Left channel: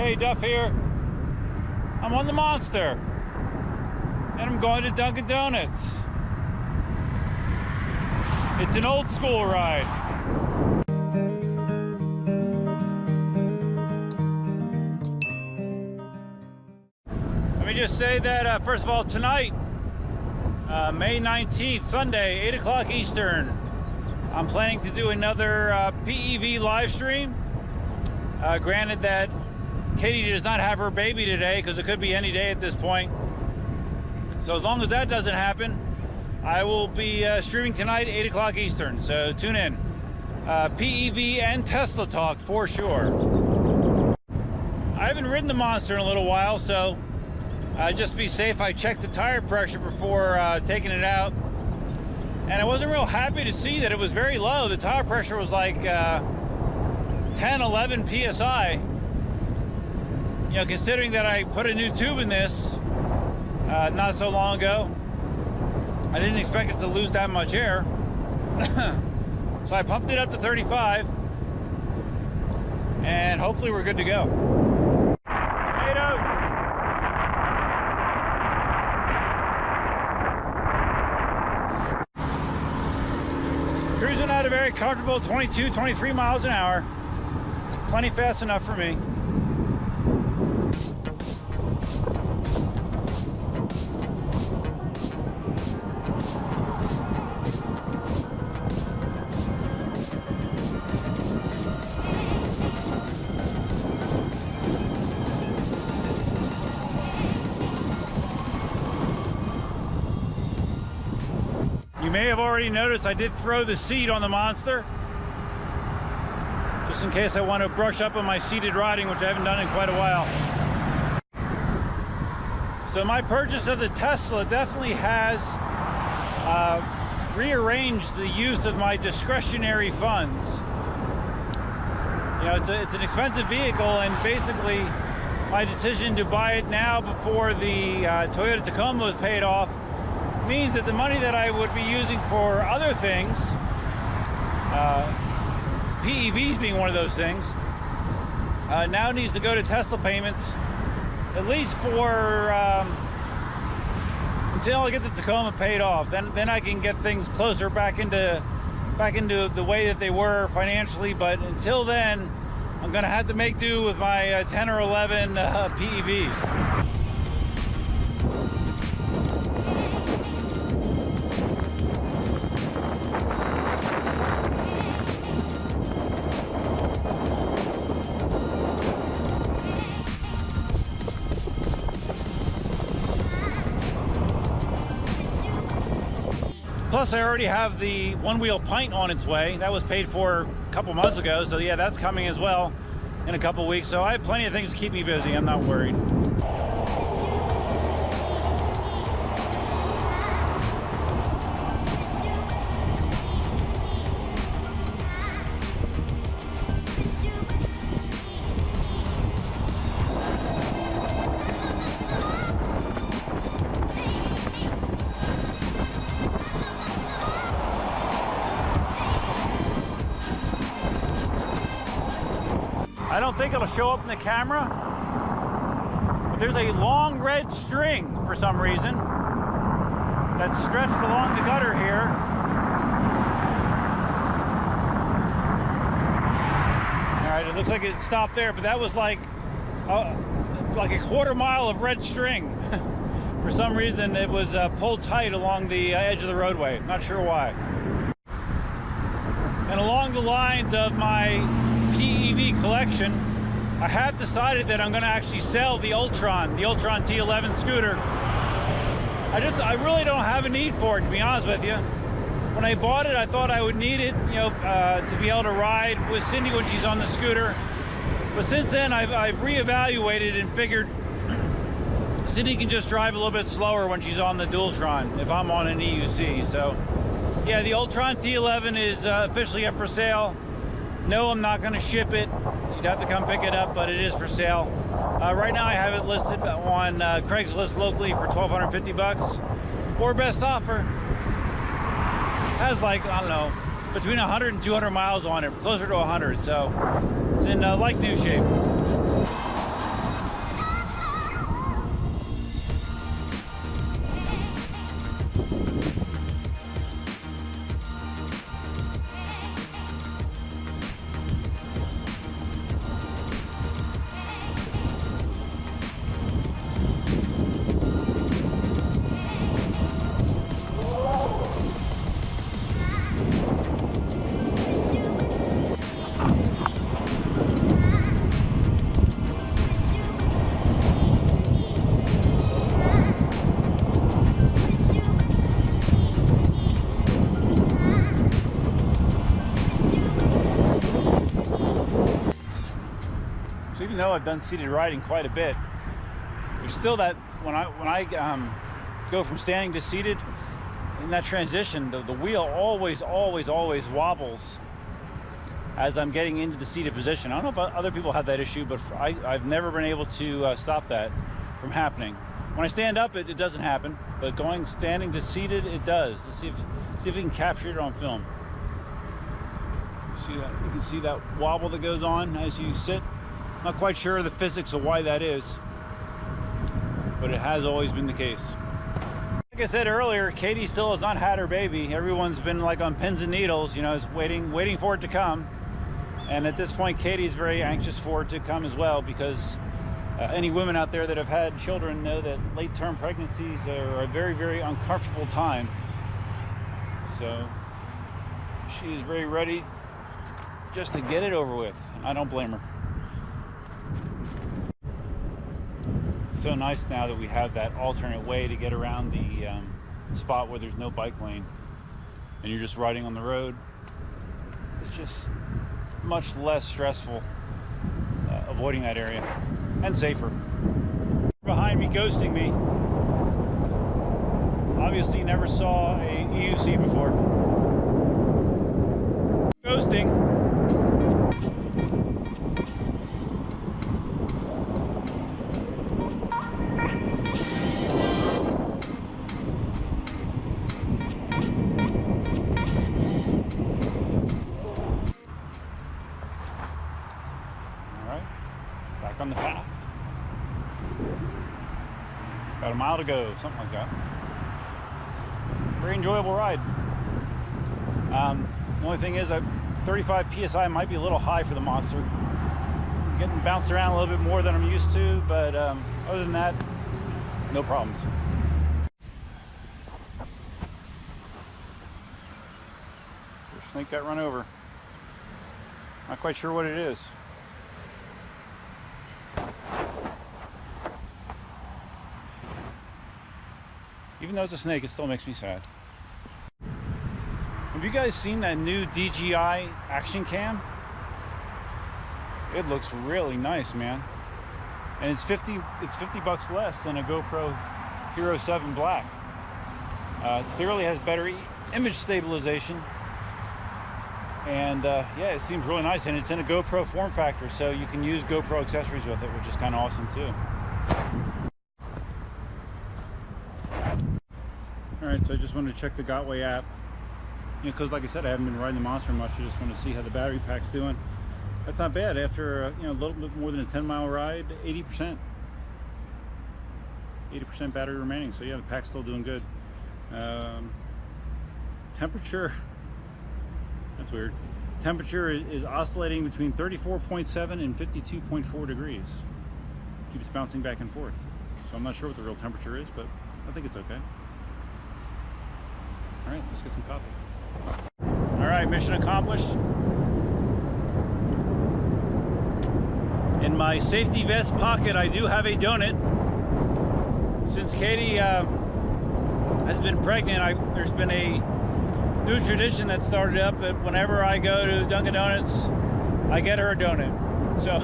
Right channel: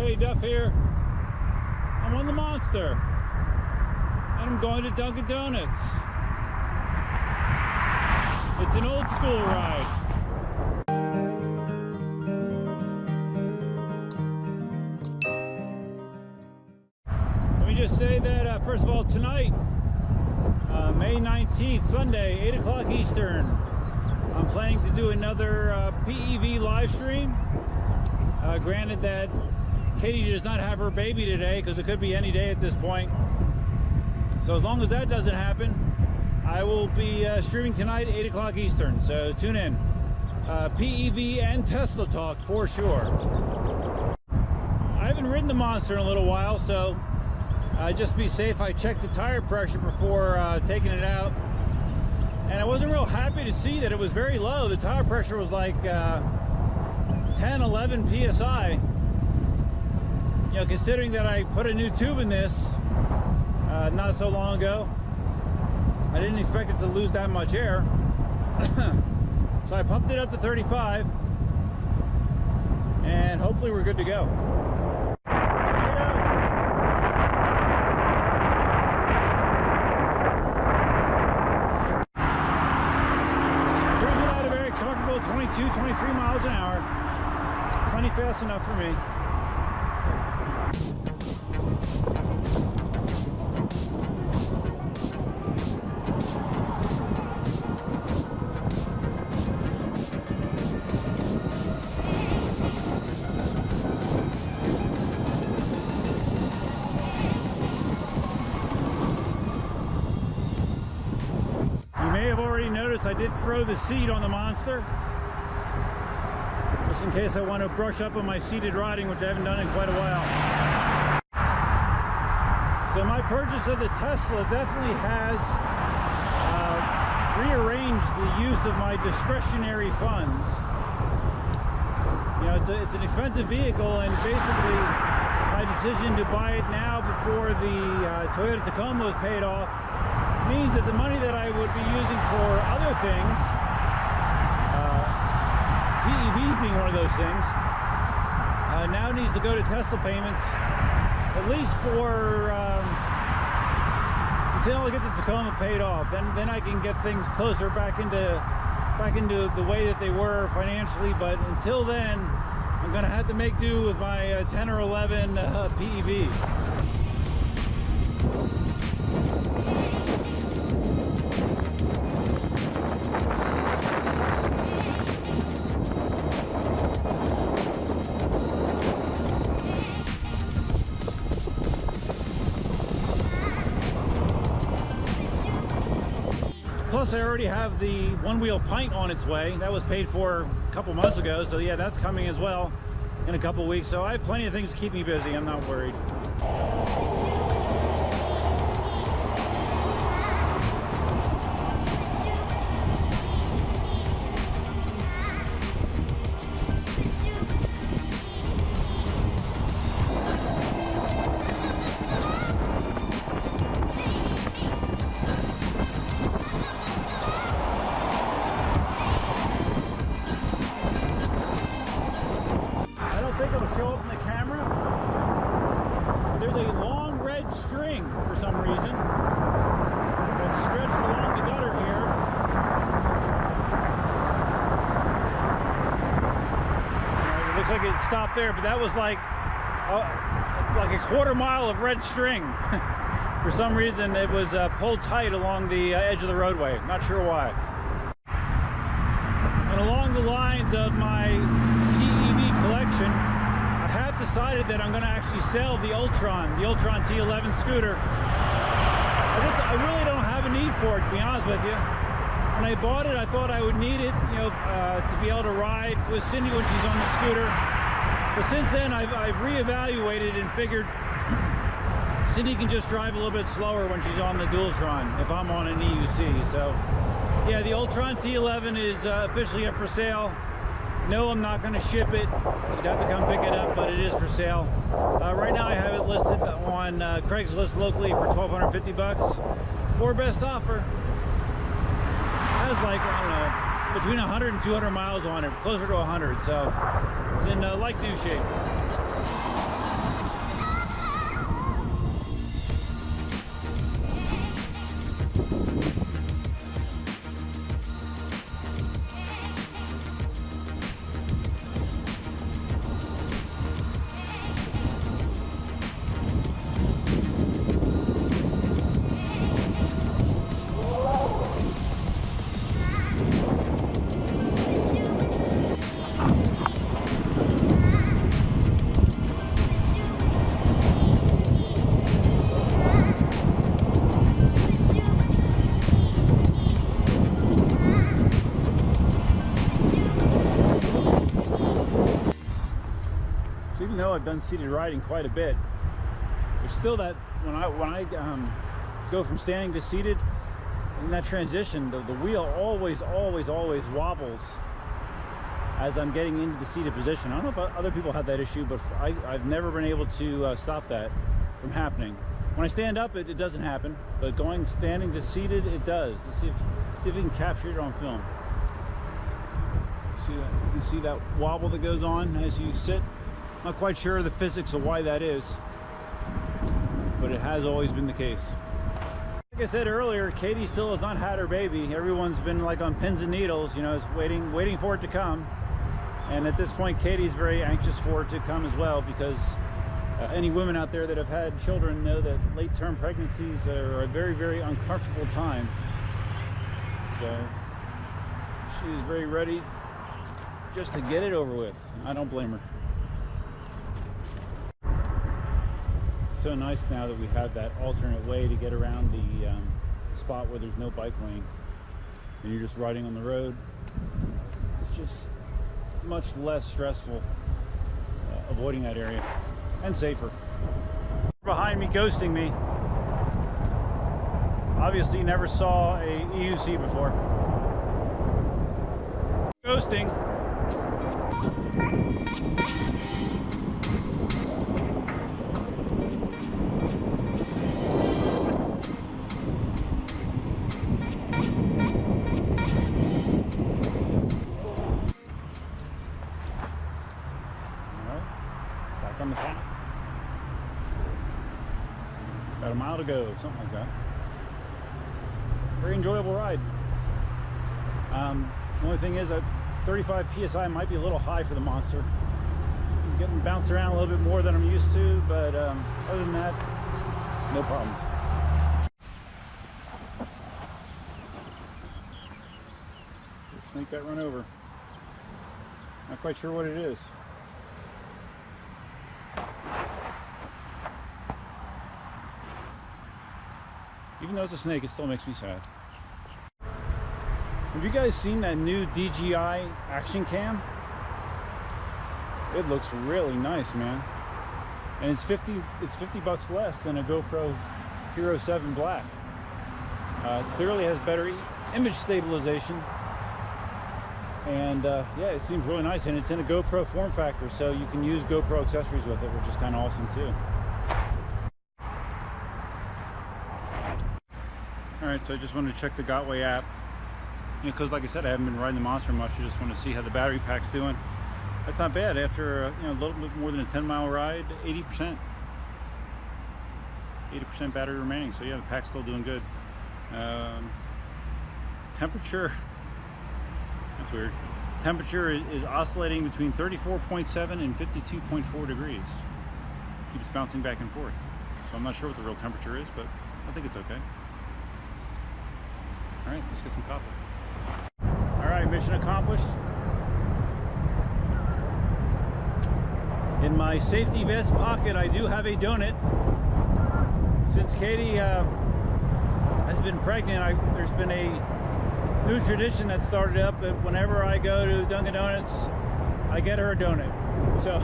Hey, Duff here. I'm on the Monster, and I'm going to Dunkin' Donuts. It's an old school ride. Let me just say that, first of all, tonight, May 19th, Sunday, 8 o'clock Eastern, I'm planning to do another PEV live stream. Granted that Katie does not have her baby today, because it could be any day at this point. So as long as that doesn't happen, I will be streaming tonight, 8 o'clock Eastern. So tune in. PEV and Tesla talk for sure. I haven't ridden the Monster in a little while, so just to be safe, I checked the tire pressure before taking it out. And I wasn't real happy to see that it was very low. The tire pressure was like 10, 11 PSI. You know, considering that I put a new tube in this not so long ago, I didn't expect it to lose that much air. So I pumped it up to 35, and hopefully we're good to go. Tomatoes! Cruising at a very comfortable 22, 23 miles an hour. Plenty fast enough for me. You may have already noticed I did throw the seat on the Monster, just in case I want to brush up on my seated riding, which I haven't done in quite a while. So my purchase of the Tesla definitely has rearranged the use of my discretionary funds. You know, it's an expensive vehicle, and basically my decision to buy it now before the Toyota Tacoma was paid off means that the money that I would be using for other things, PEVs being one of those things, now needs to go to Tesla payments, at least for until I get the Tacoma paid off. Then I can get things closer back into the way that they were financially. But until then, I'm gonna have to make do with my 10 or 11 PEVs. Plus, I already have the one-wheel pint on its way. That was paid for a couple months ago, so yeah, that's coming as well in a couple weeks. So I have plenty of things to keep me busy. I'm not worried. I don't think it'll show up in the camera, but there's a long red string for some reason that's stretched along the gutter here. All right, it looks like it stopped there, but that was like a quarter mile of red string. For some reason, it was pulled tight along the edge of the roadway. Not sure why. And along the lines of my PEV collection, I have decided that I'm going to actually sell the Ultron T11 scooter. I really don't have a need for it, to be honest with you. When I bought it, I thought I would need it, you know, to be able to ride with Cindy when she's on the scooter. But since then, I've reevaluated and figured Cindy can just drive a little bit slower when she's on the Dualtron if I'm on an EUC. So yeah, the Ultron T11 is officially up for sale. No, I'm not going to ship it. You'd have to come pick it up, but it is for sale. Right now I have it listed on Craigslist locally for $1,250, or best offer has, like, I don't know, between 100 and 200 miles on it, closer to 100, so it's in like new shape. though I've done seated riding quite a bit, there's still that when I go from standing to seated, in that transition, the wheel always wobbles as I'm getting into the seated position. I don't know if other people have that issue, but I've never been able to stop that from happening. When I stand up, it doesn't happen, but standing to seated, it does. Let's see if we can capture it on film. See that? You can see that wobble that goes on as you sit. Not quite sure of the physics of why that is, but it has always been the case. Like I said earlier, Katie still has not had her baby. Everyone's been like on pins and needles, you know, is waiting for it to come. And at this point, Katie's very anxious for it to come as well, because any women out there that have had children know that late-term pregnancies are a very uncomfortable time. So she is very ready just to get it over with. I don't blame her. So nice now that we have that alternate way to get around the spot where there's no bike lane and you're just riding on the road. It's just much less stressful avoiding that area, and safer. Behind me ghosting me. Obviously you never saw a EUC before. Ghosting. On the path. About a mile to go, something like that. Very enjoyable ride. The only thing is 35 psi might be a little high for the monster. I'm getting bounced around a little bit more than I'm used to, but other than that, no problems. The snake got run over. Not quite sure what it is. Even though it's a snake, it still makes me sad. Have you guys seen that new DJI action cam? It looks really nice, man. And it's 50 bucks less than a GoPro Hero 7 Black. Clearly has better image stabilization. And yeah, it seems really nice. And it's in a GoPro form factor, so you can use GoPro accessories with it, which is kind of awesome too. Alright, so I just wanted to check the Gotway app, you know, because like I said, I haven't been riding the monster much. I just want to see how the battery pack's doing. That's not bad after you know, a little bit more than a 10-mile ride. 80% battery remaining, so yeah, the pack's still doing good. Temperature, that's weird. Temperature is oscillating between 34.7 and 52.4 degrees. Keeps bouncing back and forth, so I'm not sure what the real temperature is, but I think it's okay. All right, let's get some coffee. All right, mission accomplished. In my safety vest pocket, I do have a donut. Since Katie has been pregnant, there's been a new tradition that started up that whenever I go to Dunkin' Donuts, I get her a donut. So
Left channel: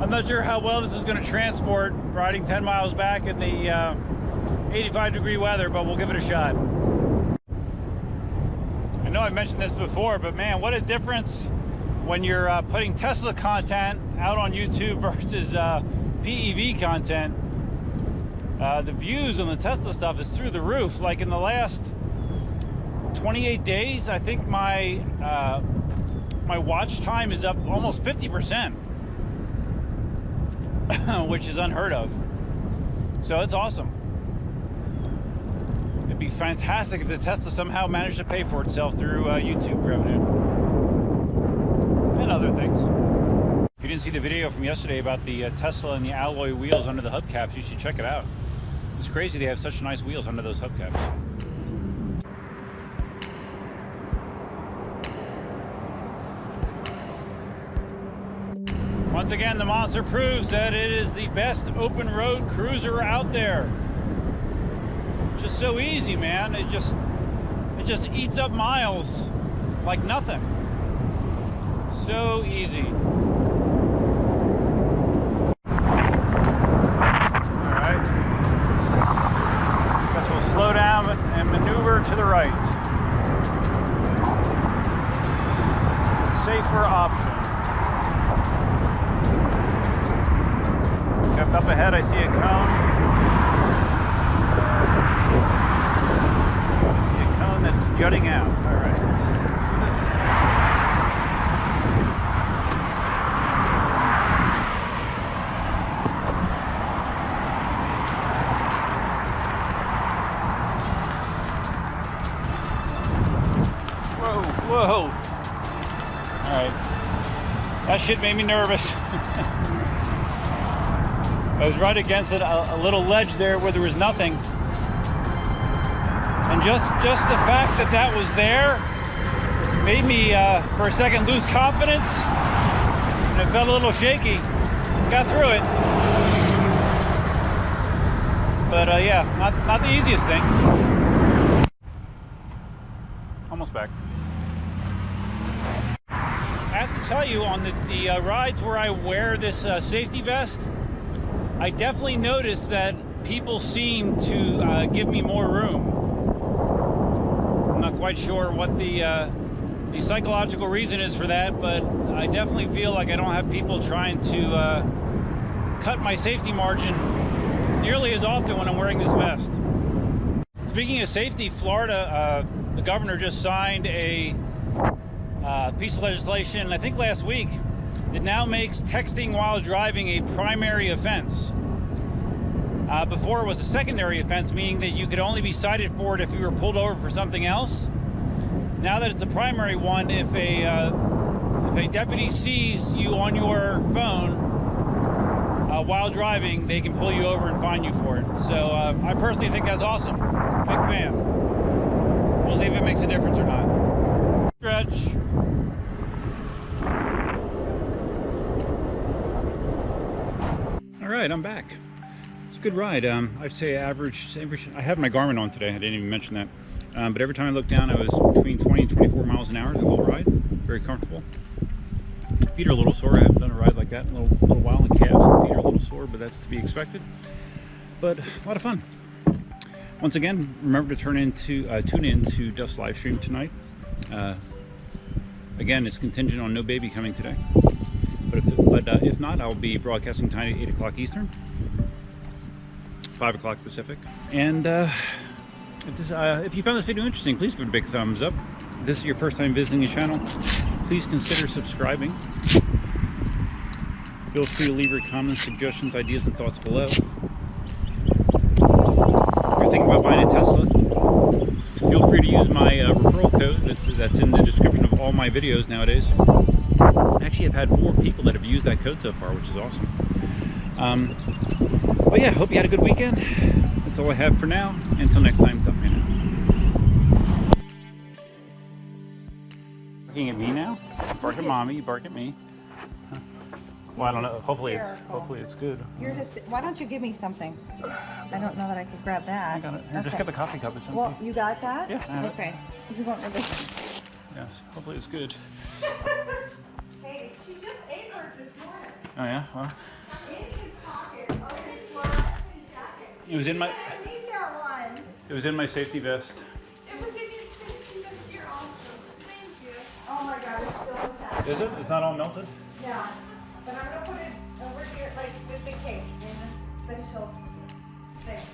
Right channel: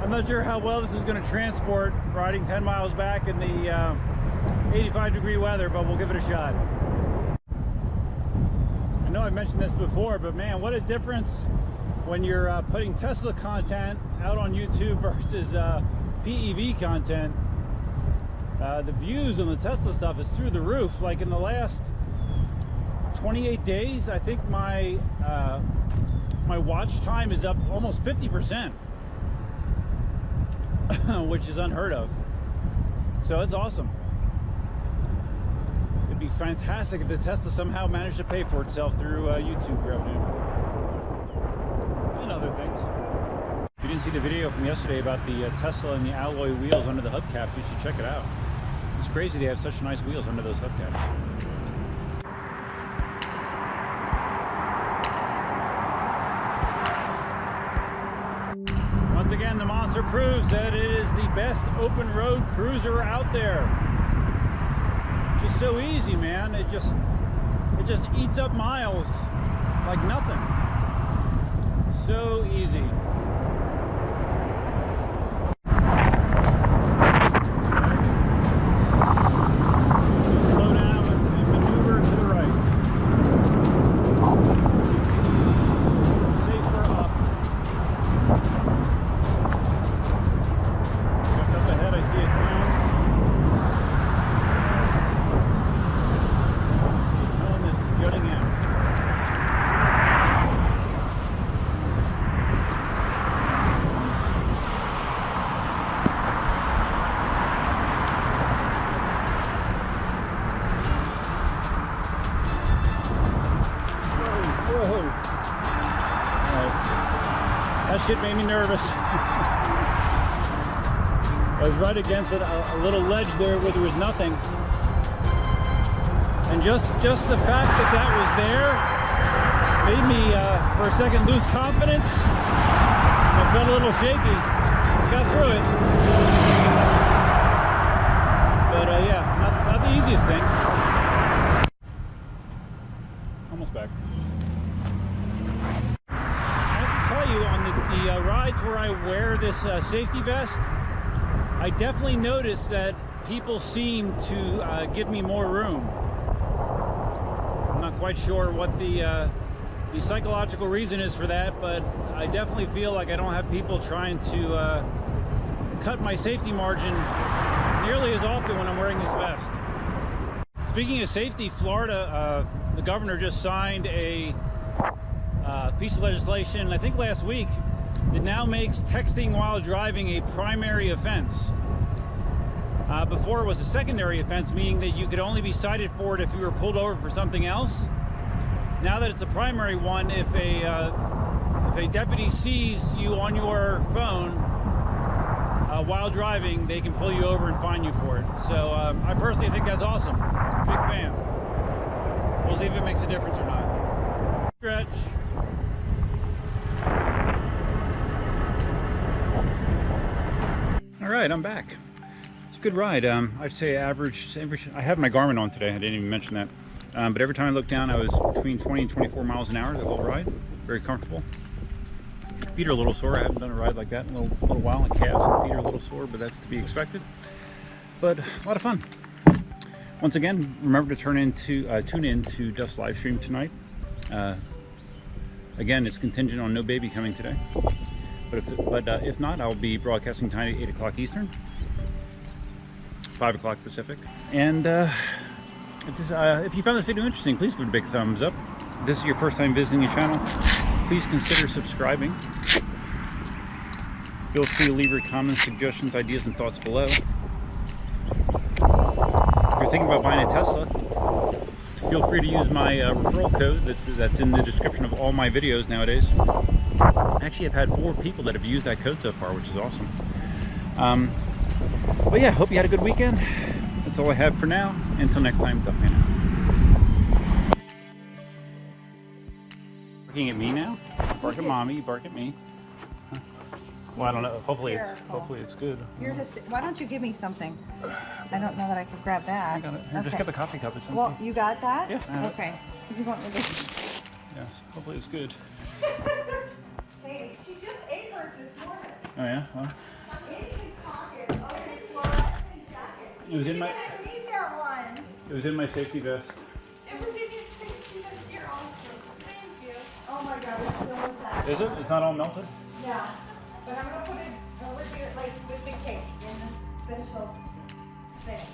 I'm not sure how well this is going to transport riding 10 miles back in the 85-degree weather, but we'll give it a shot. I know I've mentioned this before, but man, what a difference when you're putting Tesla content out on YouTube versus PEV content. The views on the Tesla stuff is through the roof. Like in the last 28 days, I think my watch time is up almost 50%, which is unheard of. So it's awesome. It'd be fantastic if the Tesla somehow managed to pay for itself through YouTube revenue and other things. If you didn't see the video from yesterday about the Tesla and the alloy wheels under the hubcaps, you should check it out. It's crazy they have such nice wheels under those hubcaps. Once again, the monster proves that it is the best open road cruiser out there. Just so easy, man. It just eats up miles like nothing. So easy. Up ahead, I see a cone. I see a cone that's jutting out. All right, let's do this. Whoa. All right. That shit made me nervous. I was right against a little ledge there where there was nothing. And just the fact that that was there made me, for a second, lose confidence. And it felt a little shaky. Got through it. But yeah, not the easiest thing. Almost back. I have to tell you, on the rides where I wear this safety vest, I definitely noticed that people seem to give me more room. I'm not quite sure what the psychological reason is for that, but I definitely feel like I don't have people trying to cut my safety margin nearly as often when I'm wearing this vest. Speaking of safety, Florida, the governor just signed a piece of legislation, I think last week, that now makes texting while driving a primary offense. Before it was a secondary offense, meaning that you could only be cited for it if you were pulled over for something else. Now that it's a primary one, if a deputy sees you on your phone while driving, they can pull you over and fine you for it. So I personally think that's awesome. Big fan. We'll see if it makes a difference or not. Stretch. All right, I'm back. It's a good ride. I'd say average. I had my Garmin on today. I didn't even mention that. But every time I looked down, I was between 20 and 24 miles an hour the whole ride. Very comfortable. Feet are a little sore. I haven't done a ride like that in a little while, and calves and feet are a little sore, but that's to be expected. But a lot of fun. Once again, remember to tune in to Dust's live stream tonight. Again, it's contingent on no baby coming today. But if not, I'll be broadcasting tonight at 8 o'clock Eastern, 5 o'clock Pacific. And if you found this video interesting, please give it a big thumbs up. If this is your first time visiting the channel, please consider subscribing. Feel free to leave your comments, suggestions, ideas, and thoughts below. If you're thinking about buying a Tesla, feel free to use my referral code that's in the description of all my videos nowadays. Actually, I've had 4 people that have used that code so far, which is awesome. But yeah, hope you had a good weekend. That's all I have for now. Until next time, Duff Man out. Barking at me now? Bark at mommy, you bark at me. Huh. Well, I don't know. Hopefully it's good. Why don't you give me something? I don't know that I could grab that. I got it. Here, okay. Just get the coffee cup. It's empty. Well, you got that? Yeah, I have okay. It. You want this? Yes. Hopefully it's good. Hey, she just ate hers this morning. Oh yeah. Well. In his pocket, on his fluorescent jacket. It was in my. I need that one. It was in my safety vest. It was in your safety vest. You're awesome. Thank you. Oh my God, it's still intact. Is it? It's not all melted? Yeah. But I'm gonna put it over here, like with the cake, in a special thing.